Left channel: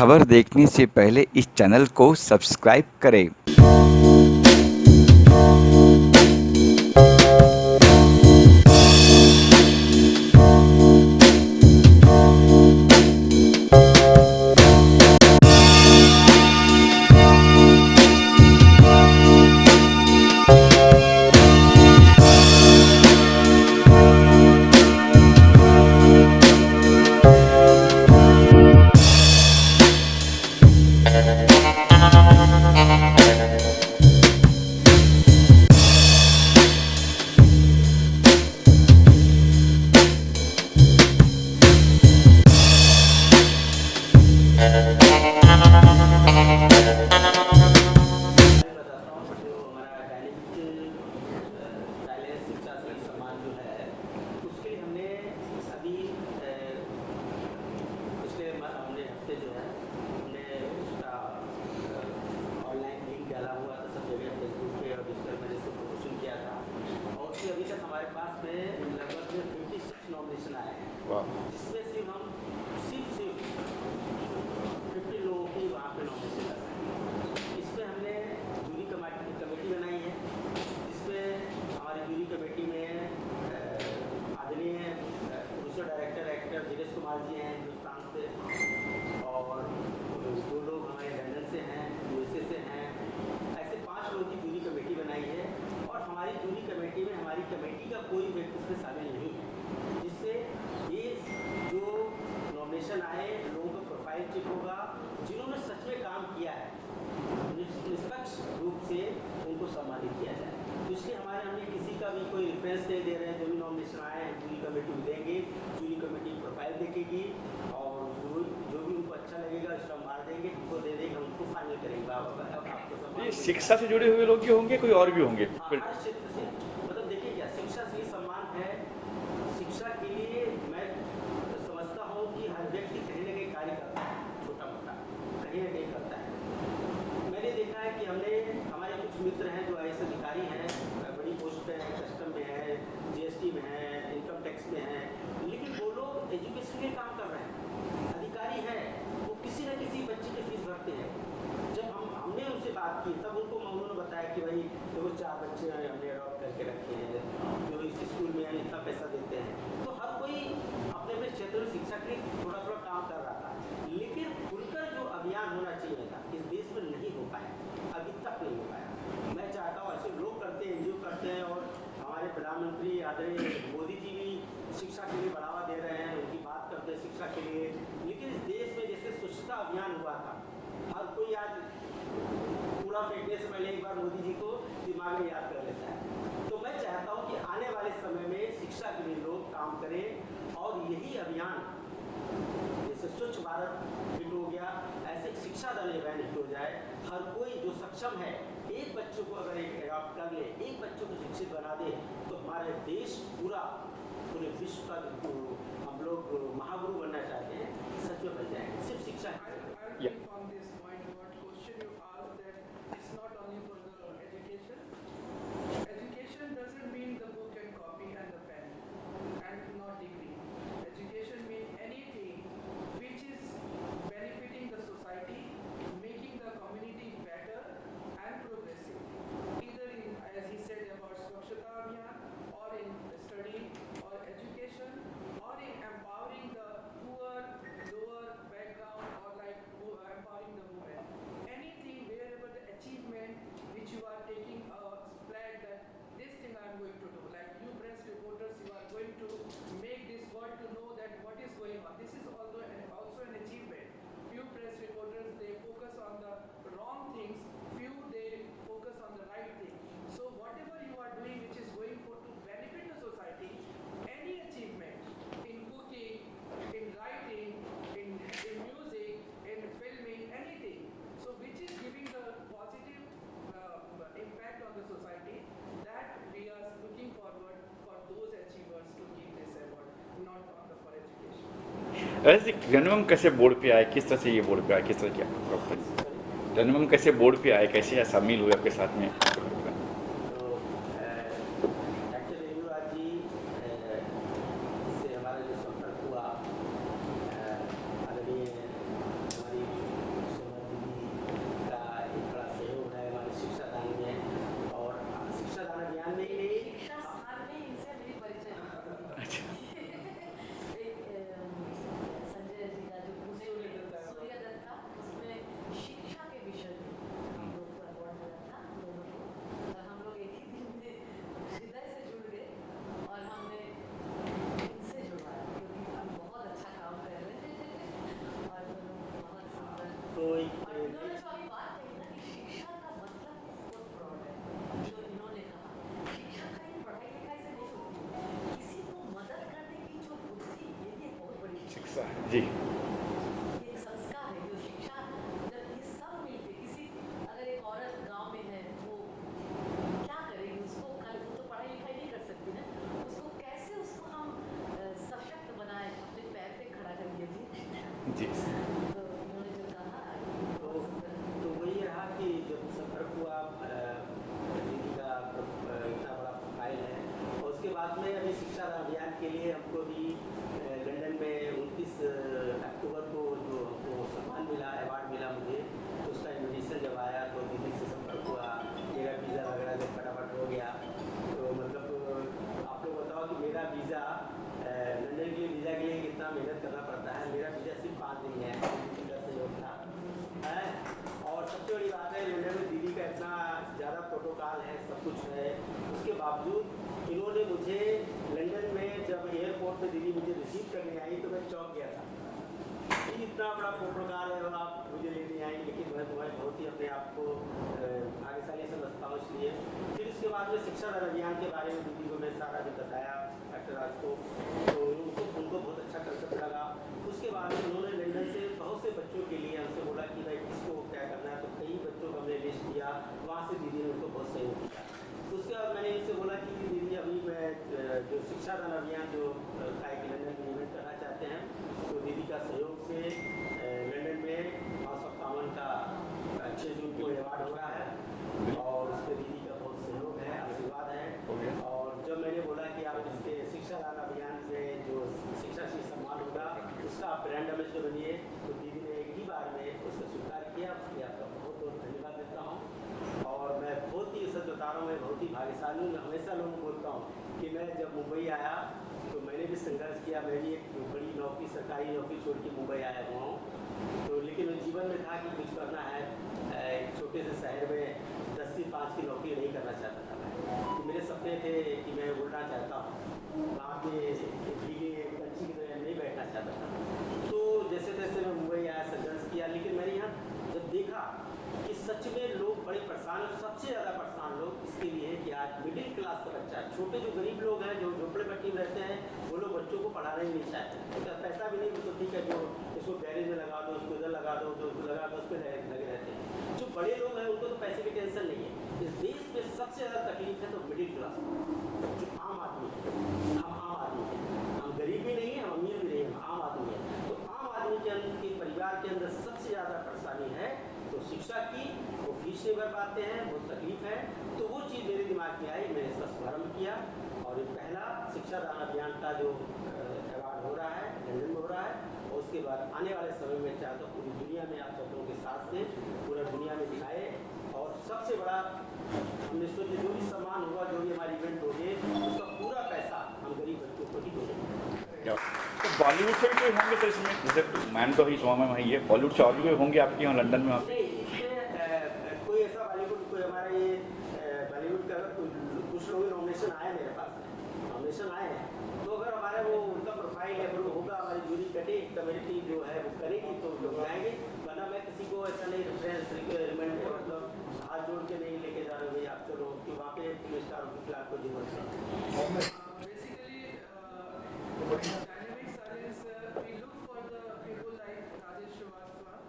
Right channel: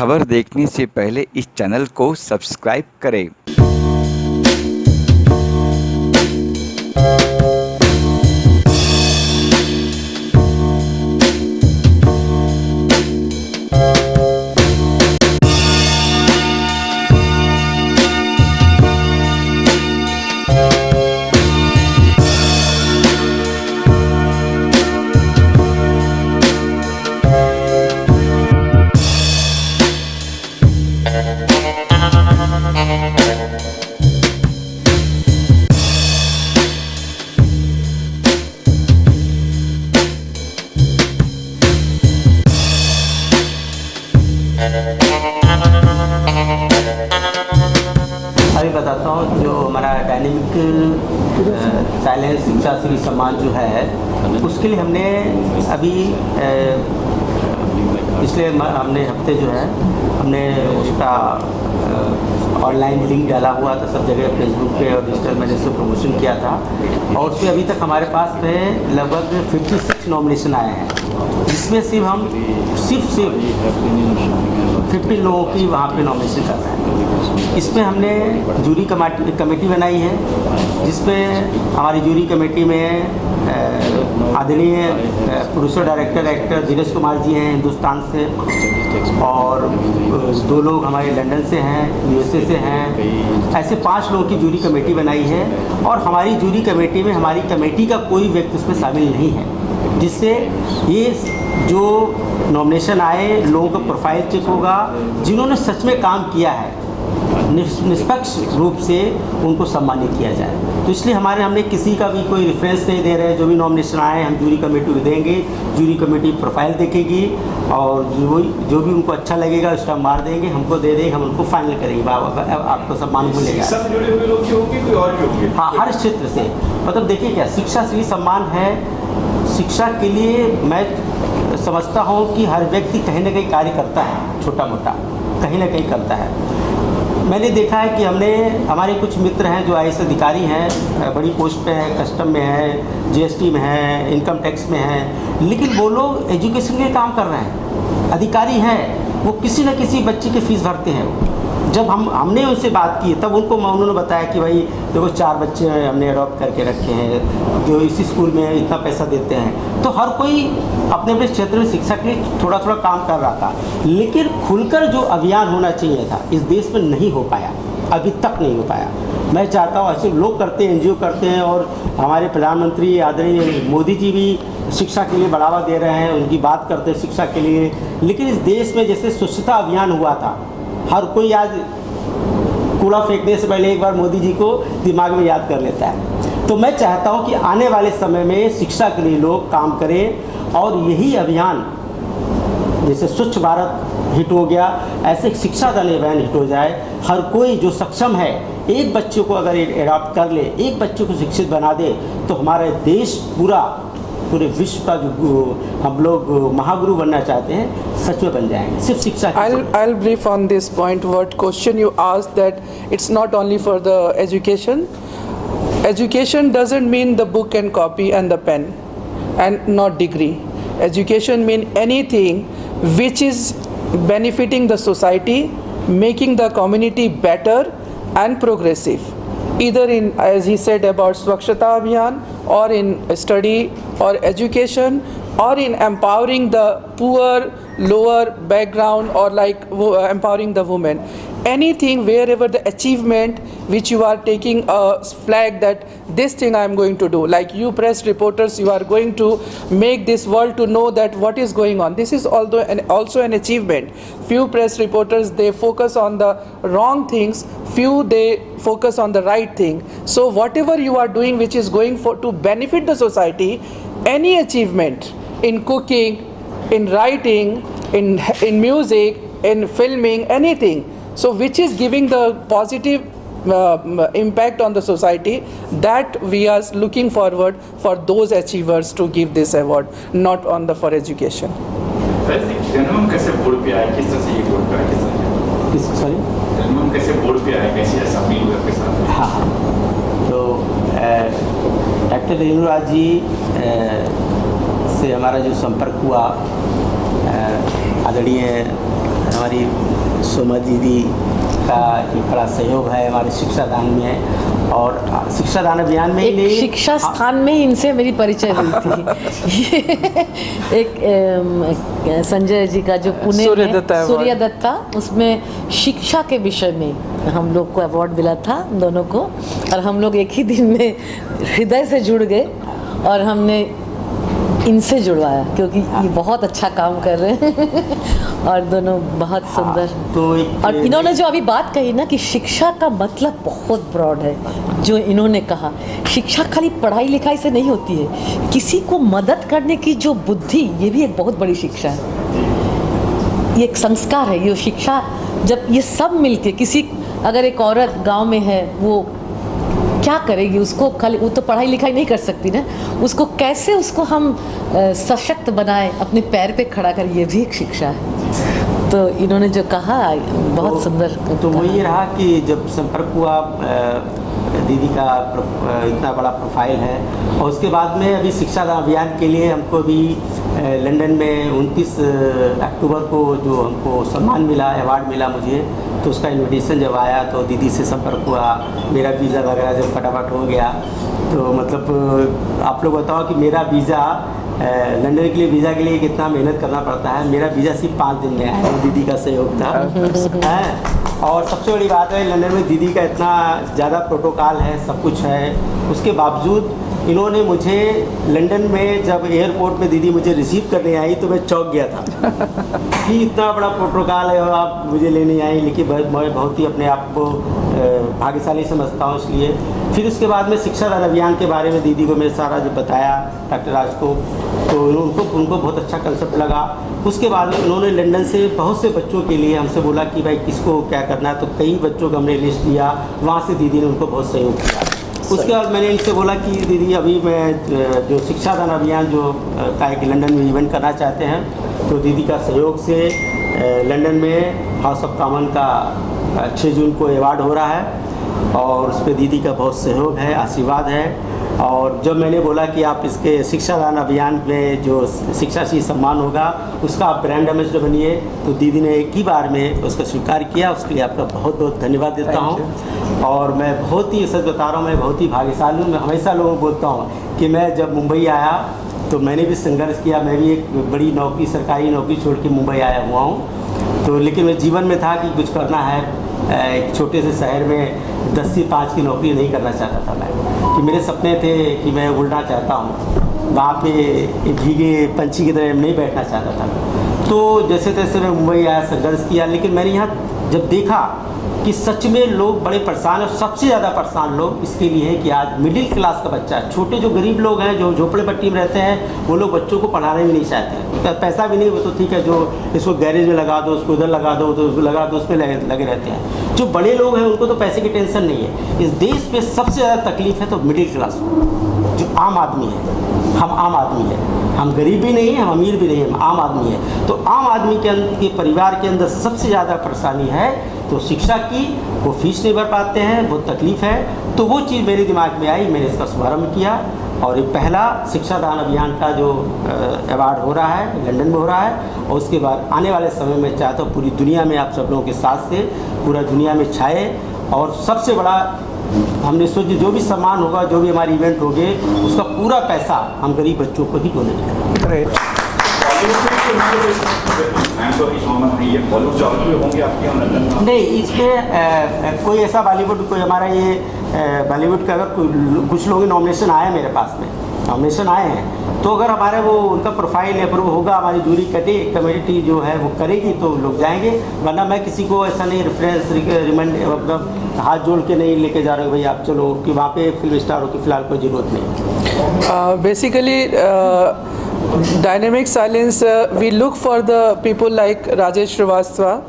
खबर देखने से पहले इस चैनल को सब्सक्राइब करें। अभी बताता हूँ जो हमारा डायनेमिक साइलेंस शिक्षा श्री सम्मान जो है उसके लिए हमने अभी पिछले हमने हफ्ते जो है हमने उसका ऑनलाइन लिंक डाला हुआ था सब जगह फेसबुक पे और डिजिटल मैंने इसको प्रमोशन किया था और उसमें अभी तक हमारे पास में लगभग 56 नॉमिनेशन आए हैं जिसमें सिर्फ हम सिर्फ 50 लोगों की वहाँ पे नॉमिनेशन कर रहे हैं। इसमें हमने जूरी कमेटी बनाई है जिसमें हमारी जूरी कमेटी में आदरणीय प्रोड्यूसर डायरेक्टर एक्टर धीरज कुमार जी हैं हिंदुस्तान से और 2 लोग हमारे लंदन से हैं USA से हैं। ऐसे 5 लोगों की जूरी कमेटी बनाई है और हमारी जूरी कमेटी में हमारी कमेटी का कोई व्यक्ति उसमें शामिल नहीं है जिससे ये जो नॉमिनेशन आए लोगों का प्रोफाइल चेक होगा जिन्होंने सच में काम किया है निष्पक्ष रूप से उनको सम्मानित किया जाए। तो इसलिए हमने किसी का भी कोई रेफरेंस नहीं दे रहे। जो भी नॉमिनेशन आए हम जूरी कमेटी को देंगे, जूरी कमेटी प्रोफाइल देखेगी और जो भी उनको अच्छा लगेगा उसका मार देंगे, हमको दे देंगे, हम उनको फाइनल करेंगे। आपको सम्मान मिलेगा। हाँ, हर क्षेत्र से मतलब देखिए क्या शिक्षा श्री सम्मान है। शिक्षा के लिए मैं समझता हूँ कि हर व्यक्ति कहीं ना कहीं कार्य करता है, छोटा मोटा कहीं ना कहीं करता है। मैंने देखा है कि हमारे कुछ मित्र हैं जो IAS अधिकारी हैं, बड़ी पोस्ट पे हैं, कस्टम में हैं, GST में हैं, इनकम टैक्स में हैं, लेकिन वो लोग एजुकेशन के लिए काम कर रहे हैं, अधिकारी हैं, वो किसी न किसी बच्चे की फ़ीस भरते हैं। जब हमने उनसे बात की तब उन्होंने बताया कि भाई देखो 4 बच्चे हमने अडॉप्ट करके रखे हैं जो इसी स्कूल में इतना पैसा देते हैं। तो हर कोई अपने अपने क्षेत्र में शिक्षा के लिए थोड़ा थोड़ा काम कर रहा था, लेकिन खुलकर जो अभियान होना चाहिए था इस देश में नहीं हो पाया, अभी तक नहीं हो पाया। मैं चाहता हूँ ऐसे लोग करते हैं, NGO करते हैं और हमारे प्रधानमंत्री आदरणीय मोदी जी भी शिक्षा के लिए बढ़ावा दे रहे हैं, उनकी बात करते हैं शिक्षा के लिए। लेकिन इस देश में जैसे स्वच्छता अभियान हुआ था, हर कोई आज कूड़ा फेंकने से पहले एक बार मोदी जी को दिमाग में याद कर लेता है। तो मैं चाहता हूं कि आने वाले समय में शिक्षा के लिए लोग काम करें और यही अभियान जैसे स्वच्छ भारत हिट हो गया, ऐसे शिक्षा दान अभियान हिट हो जाए। हर कोई जो सक्षम है एक बच्चे को अगर एडॉप्ट कर ले, एक बच्चे को शिक्षित बना दे तो हमारा देश पूरे विश्व का जो हम लोग महागुरु बनना चाहते हैं सच में बन जाएंगे। सिर्फ शिक्षा I'll brief on this point. What question you asked, that it's not only for the education. Education doesn't mean the book and copy and the pen and not degree. Education mean anything which is benefiting the society, making the community better and progressive. Either in, as he said, about Swachhata Abhiyan, or in study or education, or in empowering the poor, lower background, or like empowering the women. Anything wherever the achievement which you are taking a flag that this thing I am going to do, like you press reporters, you are going to make this world to know that what is going on. This is also an achievement. Few press reporters, they focus on the wrong things, few they focus on the right thing. So whatever you are doing which is going to benefit the society, any achievement in cooking, in writing, in music, in filming, anything, so which is giving the positive impact on the society, that we are looking forward for those achievers to give this award, not on the for education. कैसे board पे आया, किस तरह से ये board पे आया, किस तरह किस सॉरी कैसे बोर्ड पे आया, कैसे ऐसा अपनी के साथ? हाँ, तो डॉक्टर रेणुराज जी से हमारा जो संपर्क हुआ आदरणीय हमारी सोमा दीदी का एक बड़ा सहयोग है हमारे शिक्षा दान में, और शिक्षा दान अभियान में ही एक नहीं, शिक्षा स्थान में ही इनसे मेरी परिचय हुई थी। एक संजय जी का जो पुणे सूर्य में दत्ता award। सूर्य दत्ता, उसमें शिक्षा के विषय में हम लोग को अवार्ड मिला था दोनों को, और हम लोग एक ही दिन में हृदय से जुड़ गए और हमने इनसे जुड़वाया, क्योंकि ये बहुत अच्छा काम कर रहे हैं और दोनों बहुत सुंदर। तो और इन्होंने जो अभी बात कही ना कि शिक्षा का मतलब बहुत ब्रॉड है, जो इन्होंने कहा, शिक्षा खाली पढ़ाई लिखाई से नहीं होती है, किसी को मदद करने की जो बुद्धि, ये भी एक बहुत बड़ी शिक्षा है, ये एक संस्कार है। ये शिक्षा जब ये सब मिलके, किसी अगर एक औरत गांव में है, वो क्या करेगी, उसको खाली वो तो पढ़ाई लिखाई नहीं कर सकती ना, उसको कैसे उसको हम सशक्त बनाए, अपने पैर पे खड़ा कर, ये भी एक शिक्षा है। तो इन्होंने जो कहा बहुत सुंदर। तो वो ये रहा कि जब संपर्क हुआ, दीदी का इतना बड़ा प्रोफाइल है, और उसके बाद में अभी शिक्षा अभियान के लिए हमको भी लंदन में 29 अक्टूबर को जो हमको सम्मान मिला, अवार्ड मिला मुझे, तो उसका इनविटेशन जब आया तो दीदी से संपर्क हुआ, मेरा वीज़ा वगैरह जब फटाफट हो गया, तो मतलब आप लोग बताओ कि मेरा वीज़ा लंदन के लिए, वीज़ा के लिए कितना मेहनत करना पड़ता है। मेरा वीज़ा सिर्फ 5 दिन में आया, दीदी का सहयोग था है। और सबसे बड़ी बात है, लंदन में दीदी का इतना ज़्यादा प्रोटोकॉल है, सब कुछ है, उसके बावजूद इन्होंने मुझे लंदन में जब एयरपोर्ट में दीदी मुझे रिसीव करने आई तो मैं चौंक गया था कि इतना बड़ा प्रोटोकॉल है और आप मुझे लेने आई। लेकिन मैं बहुत ही अपने आप को भाग्यशाली समझता हूँ इसलिए। फिर उसके बाद में शिक्षा दान अभियान के बारे में दीदी को मैंने सारा जो बताया डॉक्टर राज को, तो उनको बहुत अच्छा कंसेप्ट लगा। उसके बाद उन्होंने लंदन से बहुत से बच्चों के लिए हमसे बोला कि भाई किसको क्या करना है, तो कई बच्चों का हमने लिस्ट दिया, वहाँ से दीदी ने उनको बहुत सहयोग किया। उसके बाद मैंने इनसे बोला कि दीदी अभी मैं जो शिक्षा दान अभियान जो का एक लंदन में इवेंट करना चाहते हैं, तो दीदी का सहयोग से लंदन में हाउस ऑफ कॉमन का 6 जून को अवार्ड हो रहा है, और उस पर दीदी का बहुत सहयोग है, आशीर्वाद है। और जब मैंने बोला कि आप इसके शिक्षा दान अभियान में जो शिक्षा श्री सम्मान होगा उसका आप ब्रांड एम्बेसडर बनिए, तो दीदी ने एक ही बार में उसका स्वीकार किया। उसके लिए आपका बहुत बहुत धन्यवाद देता हूँ। और मैं बहुत ही सच बता रहा हूँ, मैं बहुत ही भाग्यशाली हूँ। मैं हमेशा लोगों को बोलता हूँ कि मैं जब मुंबई आया तो मैंने भी संघर्ष किया, मैं भी एक बड़ी नौकरी, सरकारी नौकरी छोड़ के मुंबई आया हुआ हूँ। तो लेकिन मेरे जीवन में था कि कुछ करना है, एक छोटे से शहर में 10 से 5 की नौकरी नहीं करना चाहता था मैं, कि मेरे सपने थे कि मैं उड़ना चाहता हूँ, वहाँ पे भीगे पंछी की तरह नहीं बैठना चाहता था। तो जैसे तैसे मैं मुंबई आया, संघर्ष किया, लेकिन मैंने यहाँ जब देखा कि सच में लोग बड़े परेशान हैं, सबसे ज़्यादा परेशान लोग इसके लिए हैं कि आज मिडिल क्लास का बच्चा, छोटे जो गरीब लोग हैं, जो झोपड़े पट्टी में रहते हैं, वो लोग बच्चों को पढ़ाने भी नहीं चाहते हैं। पैसा भी नहीं, वो तो ठीक है, जो इसको गैरेज में लगा दो, उसको उधर लगा दो, तो उसको लगा दो, उस पर लगे रहते हैं। जो बड़े लोग हैं उनको तो पैसे की टेंशन नहीं है। इस देश पे सबसे ज़्यादा तकलीफ है तो मिडिल क्लास, जो आम आदमी है। हम आम आदमी है, हम गरीब भी नहीं हैं, हम अमीर भी नहीं हैं, हम आम आदमी है। तो आम आदमी के परिवार के अंदर सबसे ज़्यादा परेशानी है तो शिक्षा की, वो फीस नहीं भर पाते हैं, बहुत तकलीफ़ है। तो वो चीज़ मेरे दिमाग में आई, मैंने इसका शुभारम्भ किया, और ये पहला शिक्षा दान अभियान का जो अवार्ड हो रहा है लंदन में हो रहा है। और उसके बाद आने वाले समय में चाहता हूँ पूरी दुनिया में आप सब लोगों के साथ से पूरा दुनिया में छाए, और सबसे बड़ा हमने सोची जो भी सम्मान होगा, जो भी हमारे इवेंट होंगे, उसका पूरा पैसा हम गरीब बच्चों को ही डोनेट करेंगे। नहीं, इसमें कोई ऐसा बॉलीवुड, कोई हमारा ये बॉलीवुड का अगर कुछ लोग नॉमिनेशन आए मेरे पास में, नॉमिनेशन आए हैं, तो अगर हमारे वो उनका प्रोफाइल अप्रूव होगा, हमारी जूरी कमेटी जो है वो करेगी तो लोग जाएंगे। वरना मैं किसी को ऐसा नहीं रेफरेंस रिकमेंड, मतलब हाथ जोड़ के नहीं लेके जा रहे हो भाई आप चलो कि वहाँ पे फिल्म स्टार हो, कि फिलहाल कोई ज़रूरत नहीं। Basically dynamic silence we look for the people like Rajesh Srivastava,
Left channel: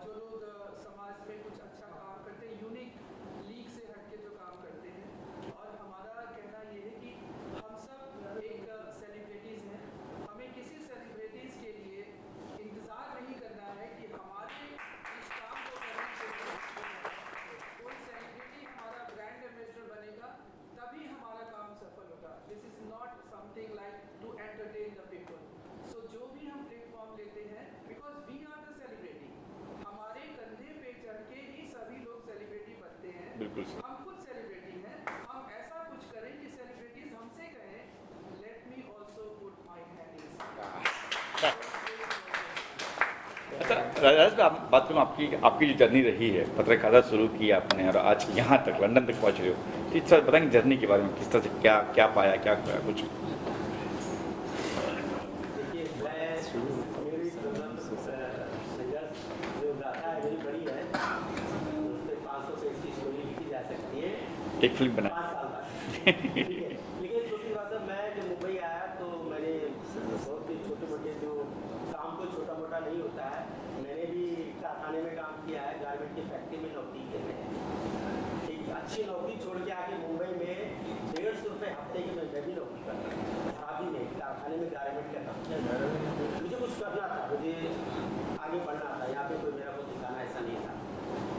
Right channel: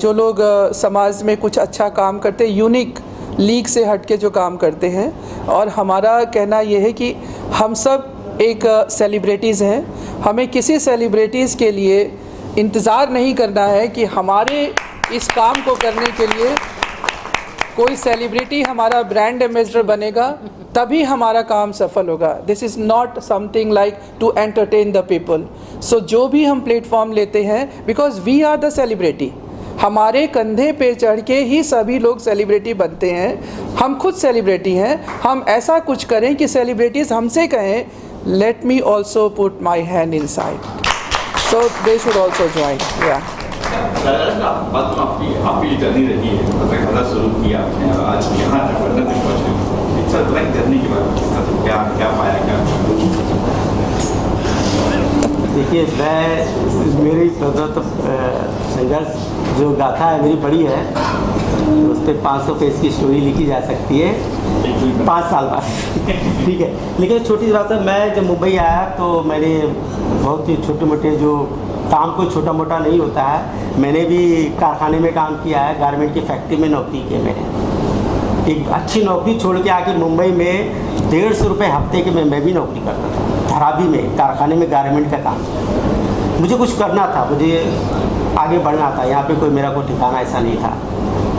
जो लोग समाज में कुछ अच्छा काम करते, यूनिक लीग से हट के जो काम करते हैं। और हमारा कहना ये है कि हम सब एक सेलिब्रिटीज़ हैं, हमें किसी सेलिब्रिटीज़ के लिए इंतज़ार नहीं करना है कि हमारे इस काम को करने के लिए कोई सेलिब्रिटी हमारा ब्रांड एम्बेसडर बनेगा तभी हमारा काम सफल होगा। This is not something like to entertain the people. So जो भी हम प्लेटफॉर्म लेते हैं, because we are the celebrity, हमारे कंधे पे चढ़ के ही सभी लोग सेलिब्रिटी बनते हैं। हम खुद सेलिब्रिटी हैं। हम ऐसा कुछ करें कि सेलिब्रिटीज़ हमसे कहें let me also put my hand in side, so they should also join. आपकी जर्नी रही है, मतलब कला शुरू किया आपने, आज यहाँ तक लंदन तक पहुँचे, इट्स अ लाइक जर्नी के बाद किस तरह से क्या पाया, क्या देखिए, मैं मेरी तो संघर्ष जो गाथा है मेरी बड़ी है, उस पर 500 पेज की स्टोरी लिखी जा सकती है 5 साल बाद। ठीक है, लेकिन छोटी सी बात है, मैं जब मुंबई आया तो मैंने बहुत ही छोटे मोटे जो काम, कोई छोटा मोटा नहीं होता है, मैंने भी कारखाने में काम किया है, गारमेंट की फैक्ट्री में नौकरी की है मैंने। एक अच्छी नौकरी छोड़ के आके मुंबई में 150 रुपये हफ्ते के मैं भी नौकरी करता था धरावी में, कारखाने में गारमेंट का काम। मुझे कुछ करना था, मुझे आगे बढ़ना था, यहाँ पे कोई मेरा कोई ठिकाना ऐसा नहीं था।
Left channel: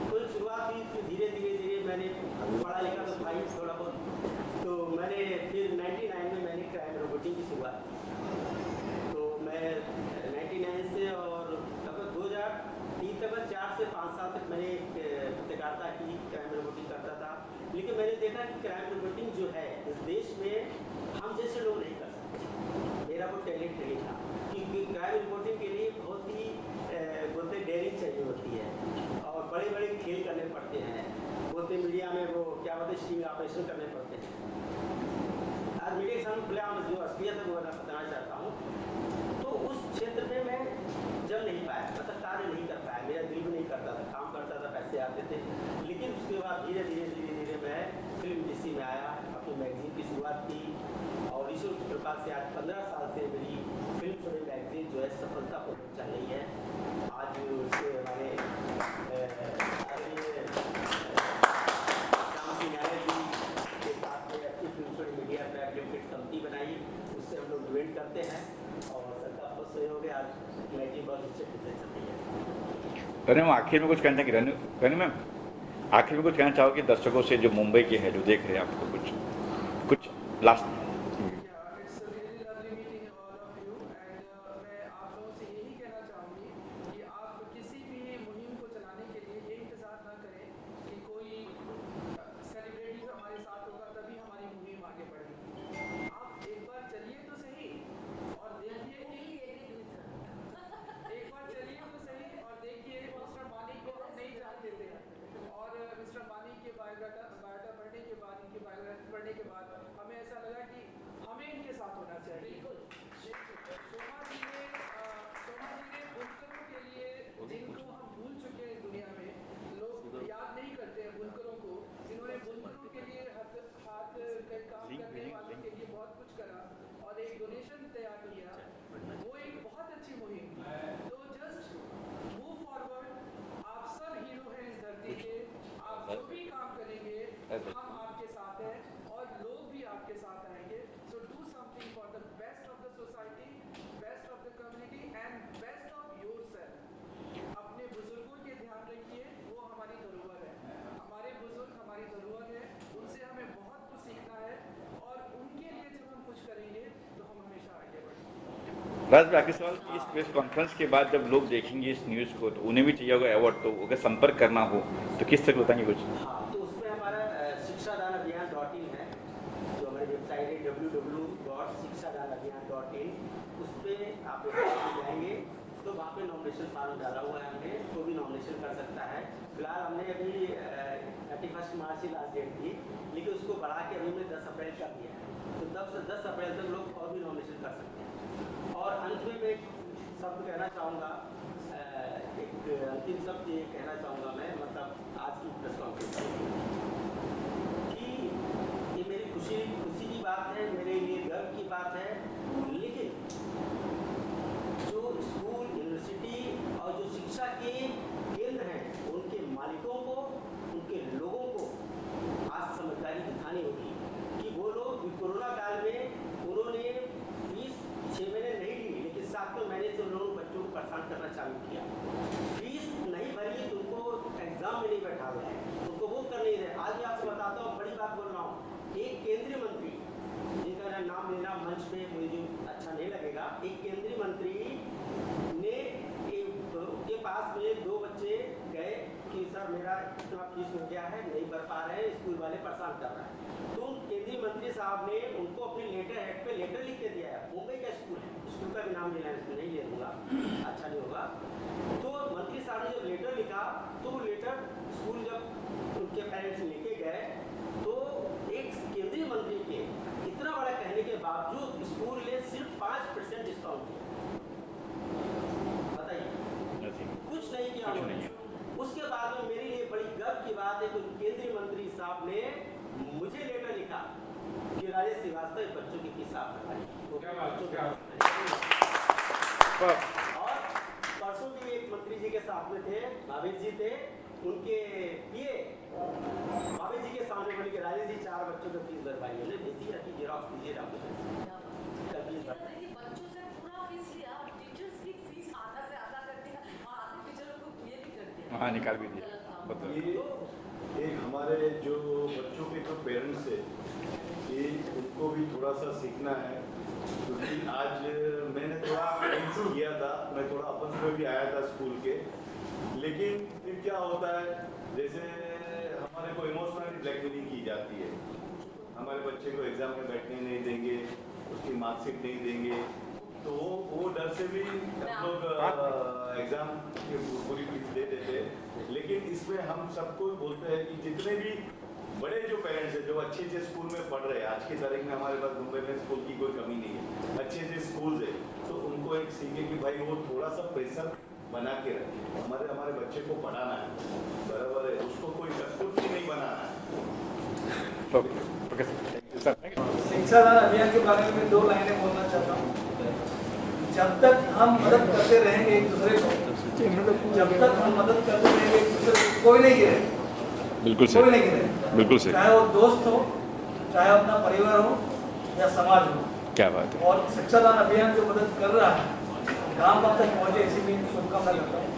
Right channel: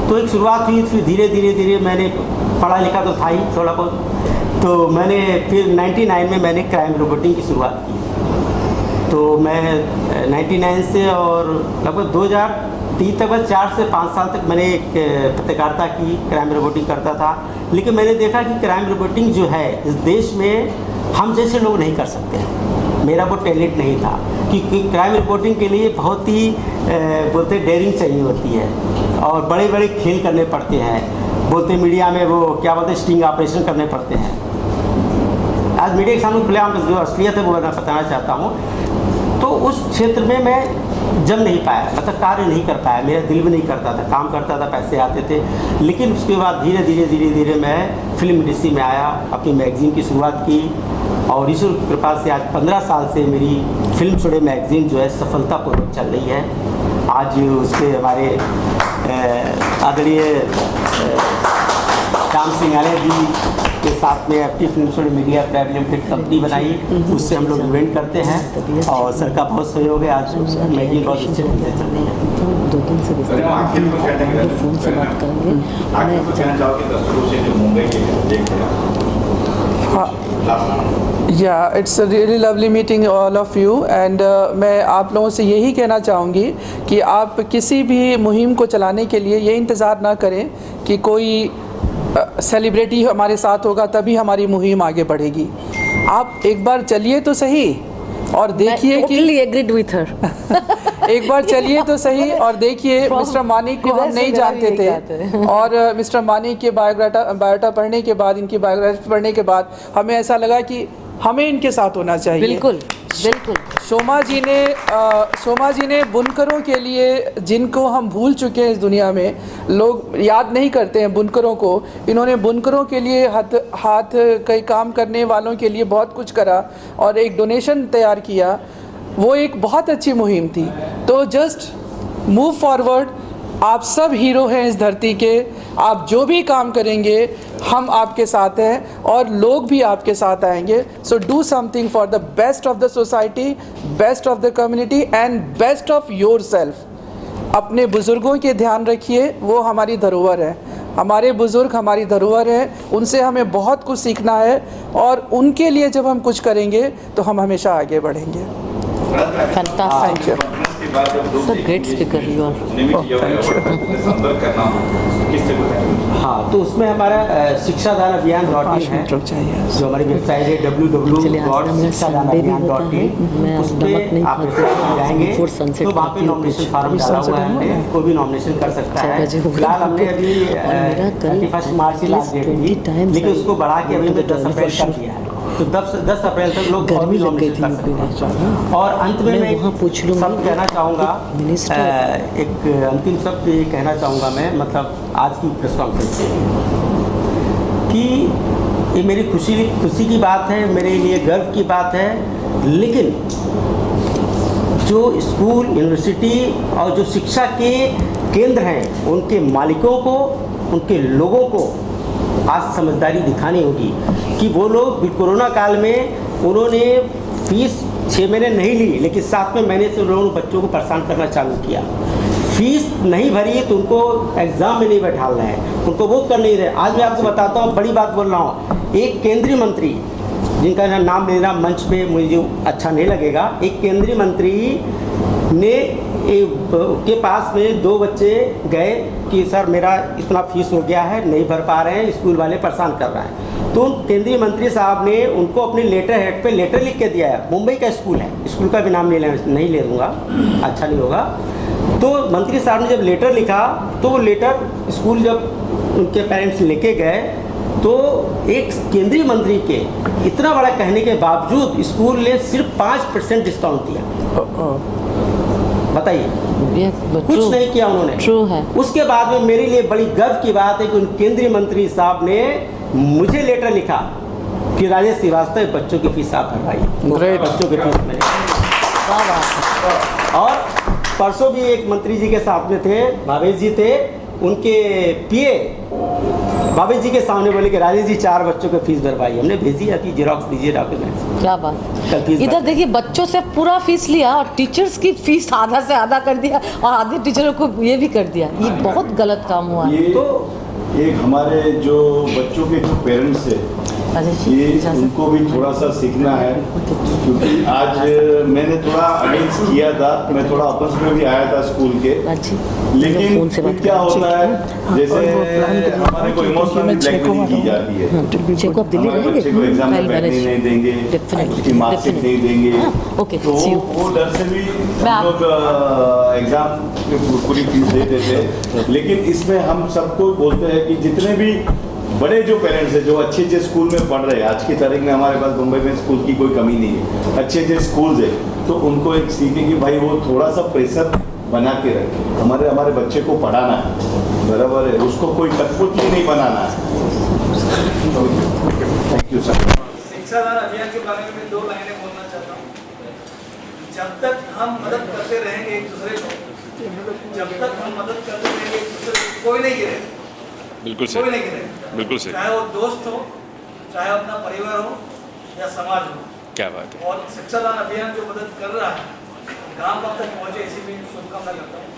तो एक शुरुआत हुई, फिर धीरे धीरे मैंने पढ़ा लिखा तो था ही थोड़ा बहुत, तो मैंने फिर 99 में मैंने क्राइम रिपोर्टिंग की शुरुआत की। तो मैं 99 से और लगभग 2003 तक, बस 4 से 5 साल तक मैंने एक पत्रकारिता की, क्राइम रिपोर्टिंग करता था। लेकिन मैंने देखा कि क्राइम रिपोर्टिंग जो है इस देश में हम जैसे लोग नहीं कर सकते हैं। मेरा वो टैलेंट नहीं था, क्योंकि क्राइम रिपोर्टिंग के लिए बहुत ही बोलते डेयरिंग चाहिए होती है और बड़े बड़े खेल करने पड़ते हैं। बोलते मीडिया में वो क्या बोलते स्टिंग ऑपरेशन करने पड़ते हैं। आज मीडिया के सामने खुलेआम जो असलियत है वो मैं बताना चाहता हूँ। तो उस क्षेत्र में मैं जम नहीं पाया, मतलब कार्य नहीं कर पाया, मेरा दिल भी नहीं करता था, काम करता था, पैसे आते थे। लेकिन उसके बाद धीरे धीरे मैं फिल्म इंडस्ट्री में आया, अपनी मैगज़ीन की शुरुआत की और ईश्वर की कृपा से आज 15 साल से मेरी फिल्म छोड़े मैगज़ीन जो है सफलतापूर्वक चल रही है। आज उसके हमारे आदरणीय श्याम सिंघानिया जी के साथ में एफटी फिल्म छोड़े मीडिया प्राइवेट लिमिटेड कंपनी बनाई, उससे हम लोग इवेंट करते हैं और सर का बहुत सहयोग है। आज मैगज़ीन बहुत अच्छे ढंग से चल रही है। 2 दिन से फोन से बात करेंगे। आखिर को कहना चाहोगे दर्शकों से जो मुंबई के देख रहे हैं? Yeah, it's a really lovely meeting all of you and मैं आप लोगों से यही कहना चाहूँगी कि आप किसी भी मुहिम को चलाने के लिए ये इंतज़ार ना करें कि कोई सेलिब्रिटी हमारे साथ होगा तभी हमारी मुहिम आगे बढ़ेगी। आप एक बार चलिए तो सही और देखिए कि एग्रीड विथ हर। एक बार चलिए तो सही और देखिए मिस्टर मानिक को हम नहीं जानते थे और मिस्टर मानिक के बायोडाटा पढ़ने के बाद, इनकी बायोग्राफी पढ़ने के बाद हमें ऐसा लगा कि हमें इनके साथ होना चाहिए। बिल्कुल बिल्कुल। शोमा जी ने बुनकरों के लिए, जिनको हम भूल चुके हैं इस दुनिया में, लोग याद नहीं करते हैं बुनकरों को। इन्होंने बुनकरों के लिए, हाथ कई काम करने वालों के लिए बहुत कुछ करा और एक डोनेशन तैयार किया। वो एक बहुत अच्छी मुहिम थी। तो जस्ट मूव फॉरवर्ड। आप सब हीरो हैं इस धरती के। आप जो भी काम करेंगे हम आपके साथ हैं और लोग भी आपके साथ आएंगे। So do something for the best of the society, best of the community and best of your self. अपने बुज़ुर्गों के ध्यान रखिए, वो हमारी धरोहर है। हमारे बुज़ुर्ग हमारी धरोहर है, उनसे हमें बहुत कुछ सीखना है और उनके लिए जब हम कुछ करेंगे तो हम हमेशा आगे बढ़ेंगे। Fantastic. So great speaker you are. हाँ, तो उसमें हमारा शिक्षादान अभियान .in है, जो हमारी वेबसाइट है www.शिक्षादानाभियान.in। उस पर आप जाएंगे तो वहाँ पे नॉमिनेशन फॉर्म डाला हुआ है, कोई भी नॉमिनेशन कर सकता है। फिलहाल हमने अभी 31 मार्च की लास्ट डेट थी, लेकिन उसको बढ़ा के अभी 10 अप्रैल कर दिया है। तो 10 अप्रैल तक लोग और भी नॉमिनेशन कर सकते हैं। और अंत में मैं सब कहना चाहूँगा, एक अंतिम शब्द ये कहना चाहूँगा मैं, मतलब आज की प्रेस कॉन्फ्रेंस से, कि ये मेरी खुशी की बात है, मेरे लिए गर्व की बात है। लेकिन जो स्कूल, यूनिवर्सिटी और जो शिक्षा के केंद्र हैं, उनके मालिकों को, उनके लोगों को आज समझदारी दिखानी होगी कि वो लोग कोरोना काल में उन्होंने फीस 6 महीने नहीं ली, लेकिन 7वें महीने से उन्होंने बच्चों को परेशान करना चालू किया। फीस नहीं भरी है तो उनको एग्ज़ाम में नहीं बैठा रहे हैं, उनको वो कर नहीं रहे। आज मैं आपको बताता हूँ, बड़ी बात बोल रहा हूँ, एक केंद्रीय मंत्री जिनका नाम लेना मंच पे मुझे अच्छा नहीं लगेगा, एक केंद्रीय मंत्री ने के पास में 2 बच्चे गए कि सर मेरा इतना फीस हो गया है, नहीं भर पा रहे हैं, स्कूल वाले परेशान कर रहे हैं। तो केंद्रीय मंत्री साहब ने उनको अपने लेटर हेड पे लेटर लिख के दिया है। मुंबई का स्कूल है, स्कूल का भी नाम नहीं ले दूँगा, अच्छा नहीं होगा। तो मंत्री साहब ने जब लेटर लिखा तो वो लेटर स्कूल जब उनके पेरेंट्स लेके गए तो एक केंद्रीय मंत्री के इतना बड़ा कहने के बावजूद स्कूल ने सिर्फ 5% डिस्काउंट दिया। बताइए, कुछ नहीं किया उन्होंने। ट्रू है। उसके बाद में मेरे लिए बड़ी गर्व की बात है कि उन केंद्रीय मंत्री साहब ने मुझे लेटर लिखा कि राजेश श्रीवास्तव बच्चों की फीस आप भरवाइए, बच्चों की फीस मेरे। और परसों भी एक मंत्री जी के साथ में थे, भावेश जी थे, उनके पीए भावेश जी के सामने बोले कि राजेश जी 4 बच्चों की फीस भरवाई। हमने भेजी, अभी जेरॉक्स दीजिए डॉक्यूमेंट्स। क्या बात। इधर देखिए, बच्चों से पूरा फीस लिया और टीचर्स की फीस आधा से आधा कर दिया और आधे टीचरों को ये भी कर दिया। ये बहुत गलत काम हुआ। तो एक हमारे जो बच्चों के जो पेरेंट्स है, ये उनको भी थोड़ा सा सीखना है, क्योंकि आज मैंने थोड़ा अगेंस्ट किया था, मैं थोड़ा आपस में भी आया था स्कूल के, लेकिन क्या होता है जैसे हमारे को इमोशनल ब्लैकमेलिंग की जाती है। हमारे बच्चे को एग्जाम में बैठने नहीं देंगे, उसकी मार्कशीट नहीं देंगे, तो वो डर से भी हम लोग एग्जाम की पूरी फीस दे देते। लेकिन इसमें हम सबको बोलते हैं कि जितने भी बड़े जो पेरेंट्स हैं जो अच्छे अच्छे स्कूल में पढ़ रहे हैं, आज की तारीख में हमारे पास मुंबई में स्कूल की कोई कमी नहीं है, अच्छे अच्छे स्कूल्स है, तो उनको एक सीखें कि भाई वो थोड़ा सा प्रेशर बना के रखें। हमारे बच्चे को पढ़ाना है, बराबर है, उसको कोई कठपुतली नहीं बनाना है। Thank you sir. शिक्षादान अभियान के बारे में मैं 2 लाइनें बोलना चाहता हूँ। जब तक हम मदद करते रहेंगे एक दूसरे को, जब तक हम मदद करते रहेंगे एक दूसरे को, कोई नहीं गिरेगा। बिल्कुल कोई नहीं गिरेगा, बिल्कुल सही। चाहे वो दोस्त हो, चाहे अपना परिवार हो या समाज हो। क्या बात है। और शिक्षादान अभियान जो मदद कर रहा है, गांव तक पहुँचे, इसी में शुभकामना करता हूँ।